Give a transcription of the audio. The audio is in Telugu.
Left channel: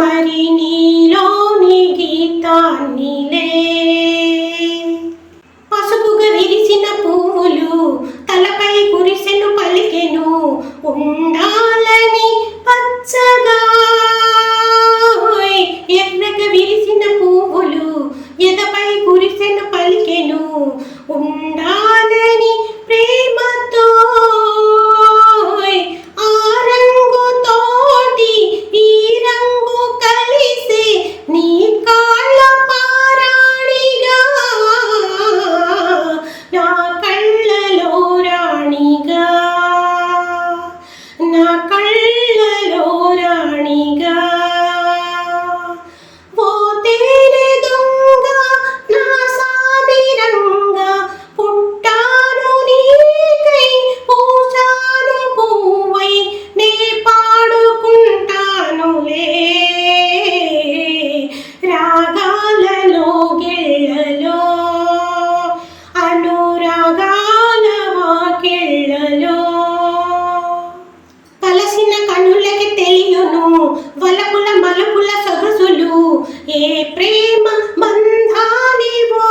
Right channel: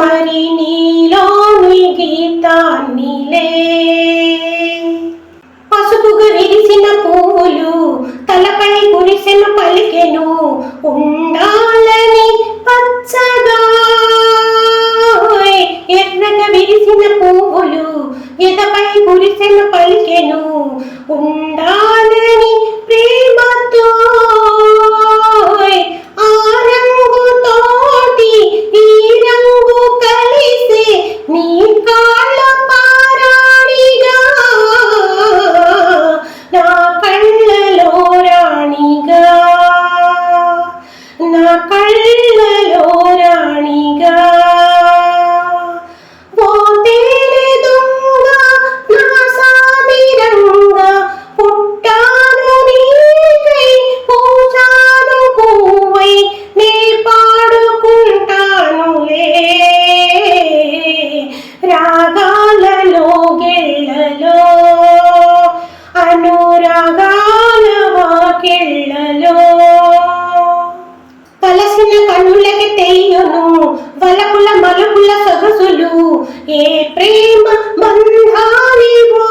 మరి నీలోని గీతాన్నిలే. పసుపుగా విరిసిన పువ్వులు తలపై కురిసెను పలికెను ఉండాలని పచ్చగా. ఎర్రగా విరిసిన పువ్వులు ఎదపై కురిసెను పలికెను ఉండాలని ప్రేమతో. ఆ రంగు తోటి ఈ రంగు కలిసి నీ కాళ్ళ పారాణిగా, నా కళ్ళలో రాణిగా, నా కళ్ళలో రాణిగా. ఓ తేనె దొంగ నా సామిరంగా పుట్టాను నీకై, పూజాను పువ్వై నే పాడుకుంటానులే. రాగాలలో గెళ్ళలో అనురాగాల వాకిళ్ళలో. కలసిన కన్నులకి తెలియను వలపుల మలుపుల సొగసులు, ఏ ప్రేమ బంధానివో.